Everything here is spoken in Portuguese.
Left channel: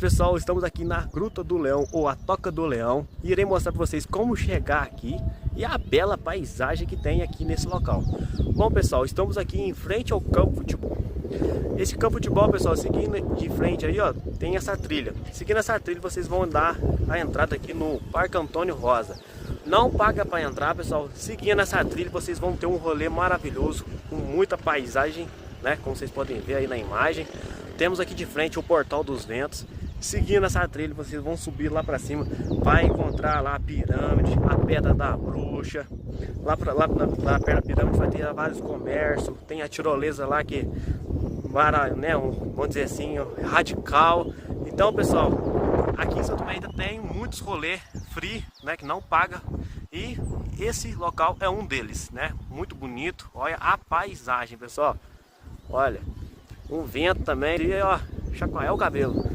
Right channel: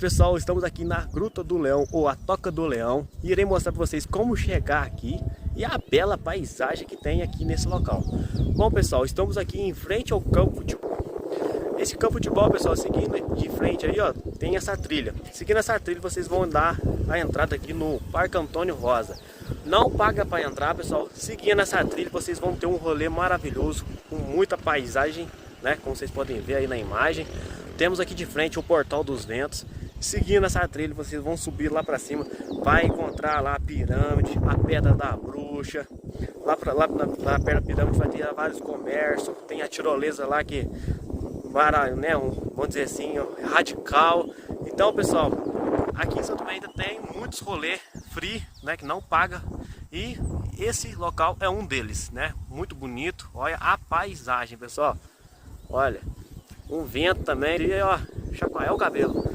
Pessoal, estamos aqui na Gruta do Leão, ou a Toca do Leão, e irei mostrar para vocês como chegar aqui e a bela paisagem que tem aqui nesse local. Bom, pessoal, estamos aqui em frente ao campo de futebol. Esse campo de futebol, pessoal, seguindo de frente aí, ó, tem essa trilha. Seguindo essa trilha, vocês vão dar a entrada aqui no Parque Antônio Rosa. Não paga para entrar, pessoal. Seguindo essa trilha, vocês vão ter um rolê maravilhoso, com muita paisagem, né? Como vocês podem ver aí na imagem. Temos aqui de frente o Portal dos Ventos. Seguindo essa trilha, vocês vão subir lá para cima, vai encontrar lá a pirâmide, a Pedra da Bruxa. Lá na Pedra da Pirâmide vai ter vários comércios, tem a tirolesa lá que, né, vamos dizer assim, radical. Então, pessoal, aqui em Santo Meira tem muitos rolês free, né, que não paga, e esse local é um deles, né? Muito bonito. Olha a paisagem, pessoal. Olha, um vento também, e ó, chacoalhar o cabelo.